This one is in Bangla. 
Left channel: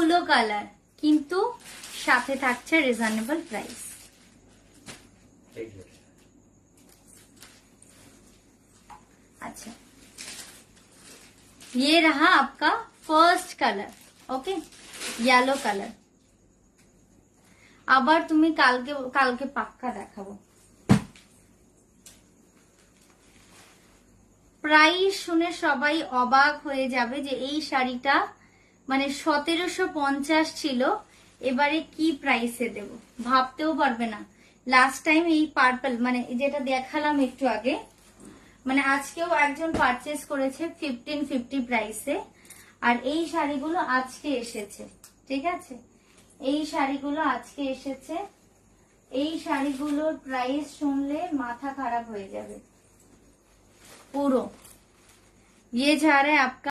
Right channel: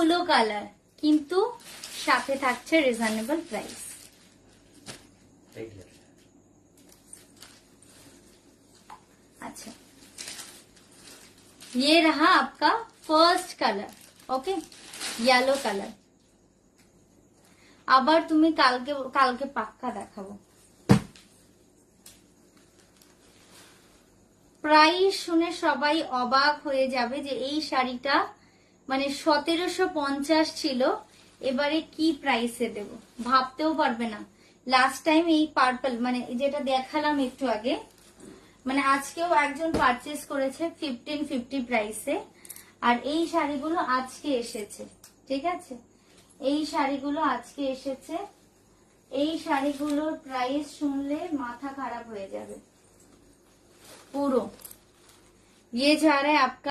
এতগুলো কালার, কিন্তু সাথে থাকছে রিজনেবল প্রাইস। अच्छा, ये रहा आपका first colour. Okay, yellow colour. আবার তুমি কালকে পাক্কা দেখাবো। প্রাইস শুনে সবাই অবাক হয়ে যাবে যে এই শাড়িটা মানে 1750 ছিল, এবারে কি প্রাইসে দেব ভাবতেও পারবে না। লাস্ট টাইম এই পার্পল মানে যেটা দেখালাম একটু আগে, মানে আজকেও একজন পারচেজ করেছে 1550 প্রাইসে, আর এই শাড়িগুলো আজকে এসেছে। ঠিক আছে, এই শাড়িগুলো আজকে এসেছে। এই শাড়িগুলোর প্রাইস শুনলে মাথা খারাপ হয়ে যাবে পুরো। ये जा रहा है आपका